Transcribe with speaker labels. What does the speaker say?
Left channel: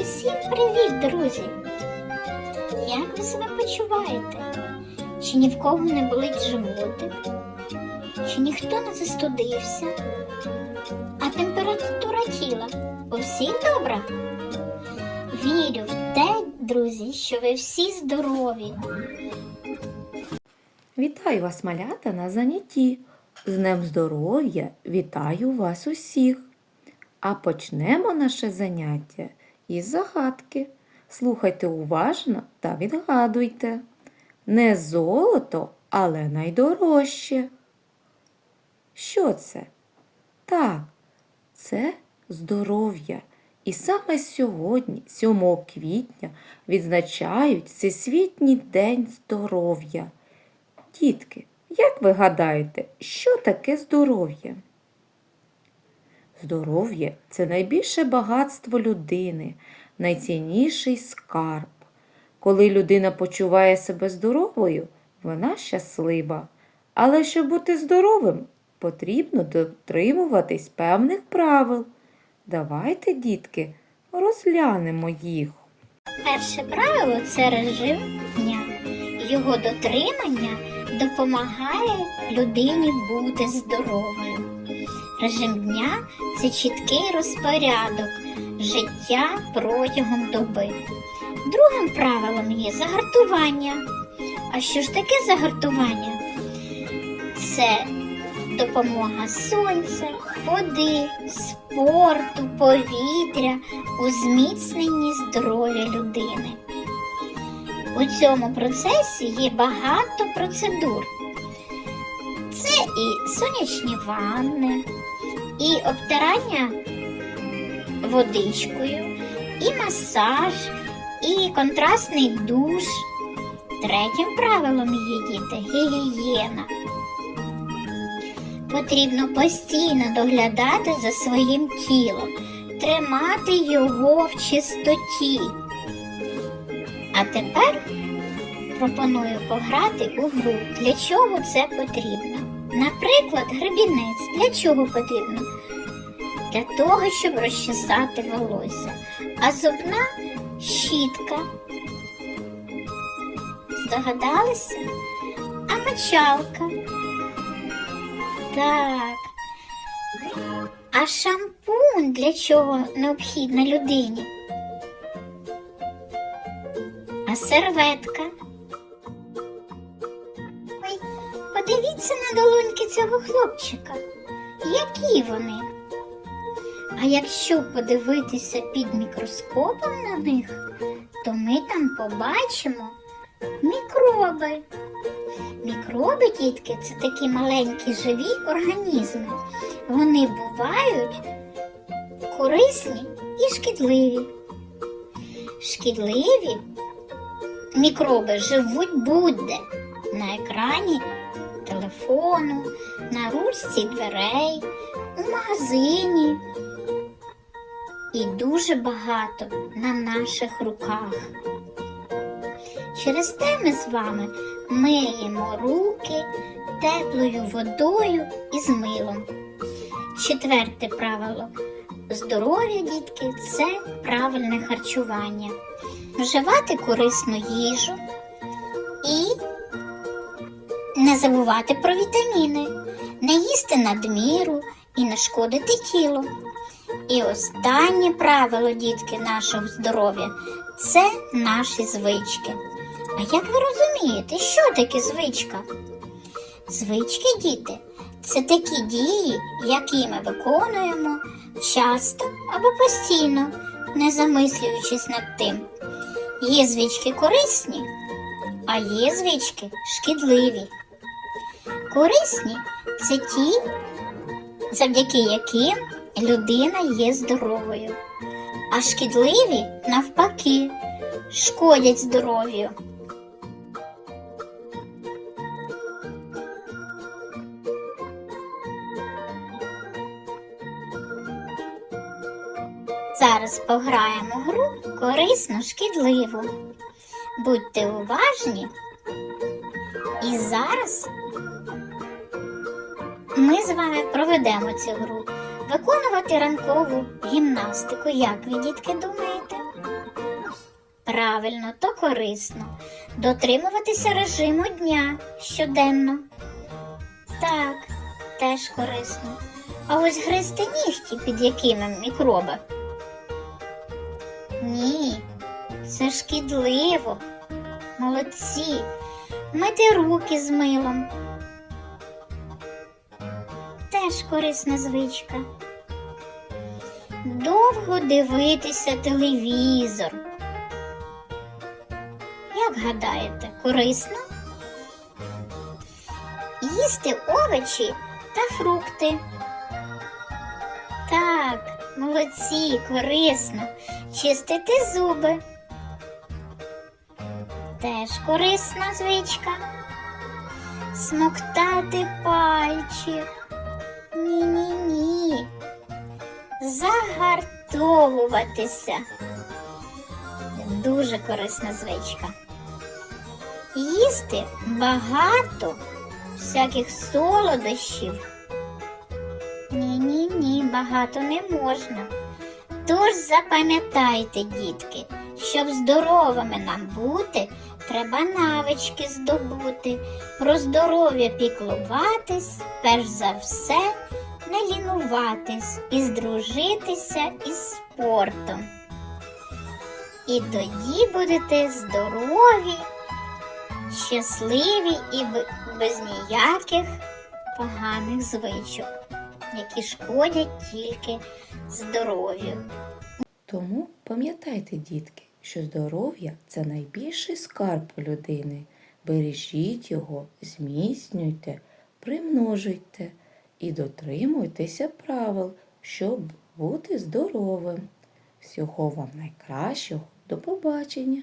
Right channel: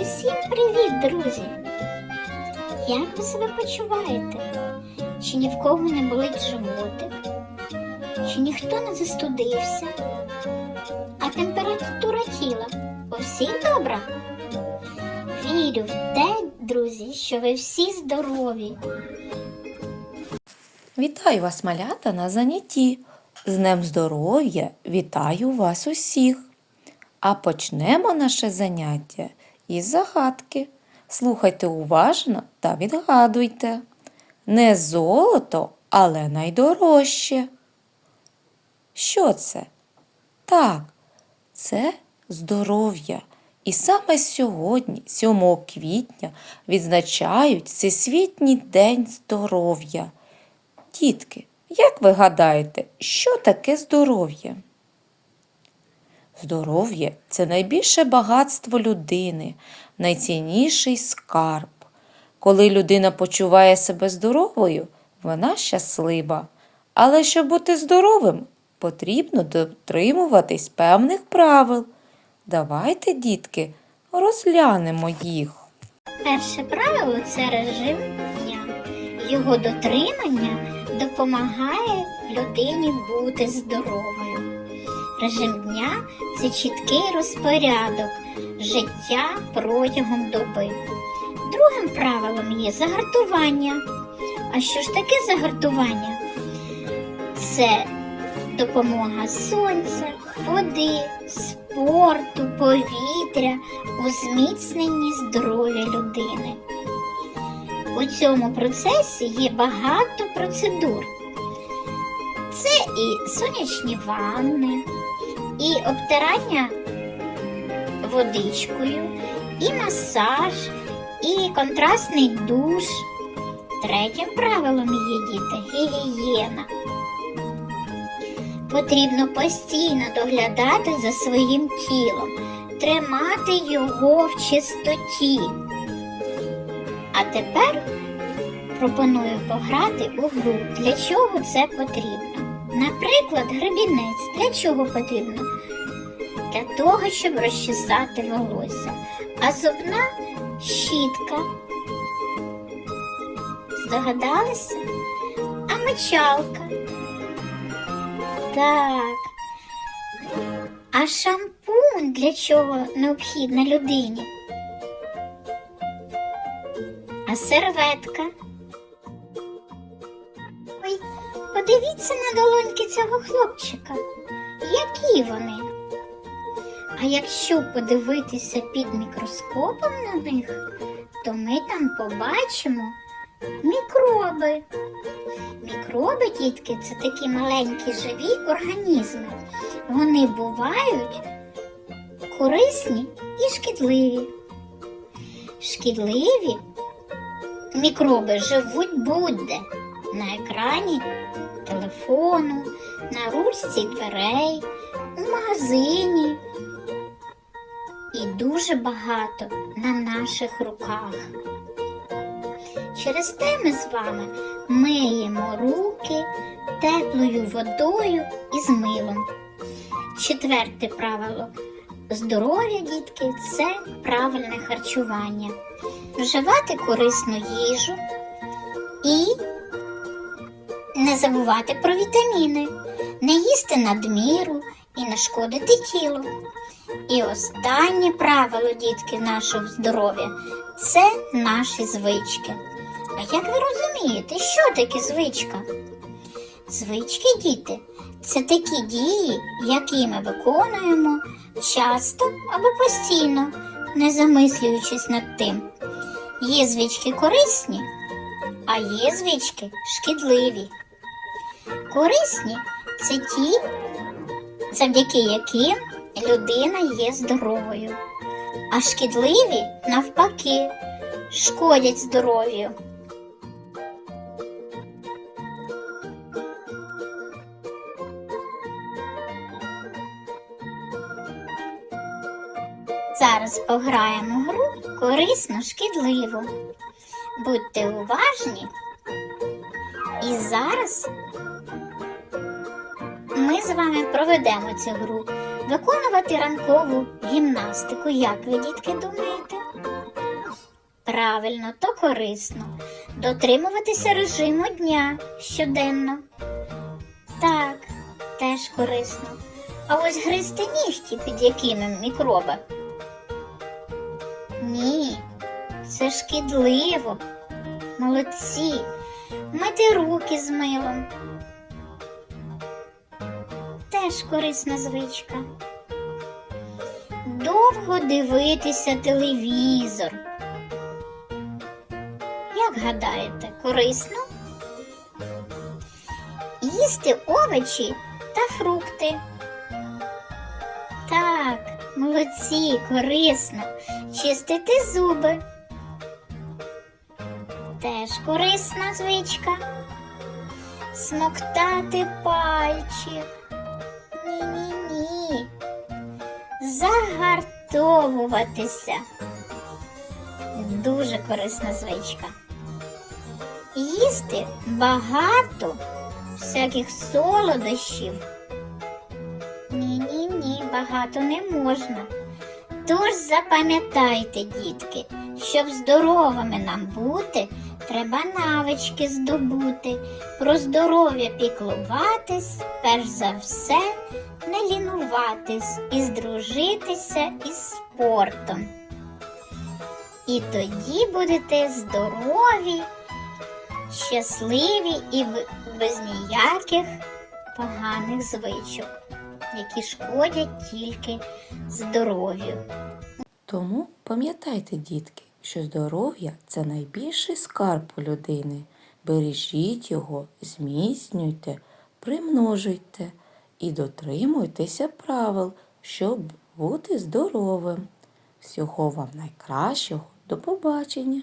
Speaker 1: Усім привіт, друзі! Як ви себе почуваєте? Чи ні в кого не болить животик? Чи ніхто не застудився? А температура тіла у всіх добра? Вірю в те, друзі, що ви всі здорові.
Speaker 2: Вітаю вас, малята, на занятті. З Днем здоров'я вітаю вас усіх. А почнемо наше заняття із загадки. Слухайте уважно та відгадуйте. Не золото, але найдорожче. Що це? Так, це здоров'я. І саме сьогодні, 7 квітня, відзначають Всесвітній день здоров'я. Дітки, як ви гадаєте, що таке здоров'я? Здоров'я це найбільше багатство людини, найцінніший скарб. Коли людина почуває себе здоровою, вона щаслива. Але щоб бути здоровим, потрібно дотримуватись певних правил. Давайте, дітки, розглянемо їх.
Speaker 1: Перше правило це режим дня. Його дотримання допомагає людині бути здоровою. Режим дня це чіткий розпорядок життя протягом доби. Другим правилом є загартування. А що ж таке загартування? Це допомога сонця, води, спорту, повітря у зміцненні здоров'я людини. У цьому процесі є багато процедур. Це і сонячні ванни, і обтирання водичкою, і масаж, і контрастний душ. Третім правилом є діти гігієна. Потрібно постійно доглядати за своїм тілом, тримати його в чистоті. А тепер пропоную пограти у гру. Для чого це потрібно? Наприклад, гребінець. Для чого потрібно? Для того, щоб розчесати волосся. А зубна щітка. Здогадалися? А мочалка. Так. А шампунь для чого необхідна людині? А серветка. Подивіться на долоньки цього хлопчика. Які вони? А якщо подивитися під мікроскопом на них, то ми там побачимо мікроби. Мікроби, дітки, це такі маленькі живі організми. Вони бувають корисні і шкідливі. Шкідливі мікроби живуть будь-де на екрані телефону, на ручці дверей, у магазині. І дуже багато на наших руках. Через те ми з вами миємо руки теплою водою і з милом. Четверте правило здоров'я, дітки, це правильне харчування. Вживати корисну їжу і не забувати про вітаміни, не їсти надміру і не шкодити тілу. І останнє правило, дітки, нашого здоров'я це наші звички. А як ви розумієте, що таке звичка? Звички, діти, це такі дії, які ми виконуємо часто або постійно, не замислюючись над тим. Є звички корисні, а є звички шкідливі. Корисні це ті, завдяки яким людина є здоровою, а шкідливі, навпаки, шкодять здоров'ю. Зараз пограємо гру корисно шкідливу. Будьте уважні. І зараз ми з вами проведемо цю гру. Виконувати ранкову гімнастику, як ви, дітки, думаєте? Правильно, то корисно. Дотримуватися режиму дня щоденно. Так, теж корисно. А ось гризти нігті під якими мікроби? Ні, це шкідливо. Молодці. Мити руки з милом. Теж корисна звичка. Довго дивитися телевізор. Як гадаєте, корисно? Їсти овочі та фрукти. Так, молодці, корисно. Чистити зуби. Теж корисна звичка. Смоктати пальчик. Загартовуватися. Дуже корисна звичка. Їсти багато всяких солодощів. Ні, ні, ні, багато не можна. Тож запам'ятайте, дітки, щоб здоровими нам бути, треба навички здобути. Про здоров'я піклуватись, перш за все, не лінуватись і здружитися із спортом. І тоді будете здорові, щасливі і без ніяких поганих звичок, які шкодять тільки здоров'ю.
Speaker 2: Тому пам'ятайте, дітки, що здоров'я це найбільший скарб у людини. Бережіть його, зміцнюйте, примножуйте і дотримуйтеся правил, щоб бути здоровим. Всього вам найкращого. До побачення!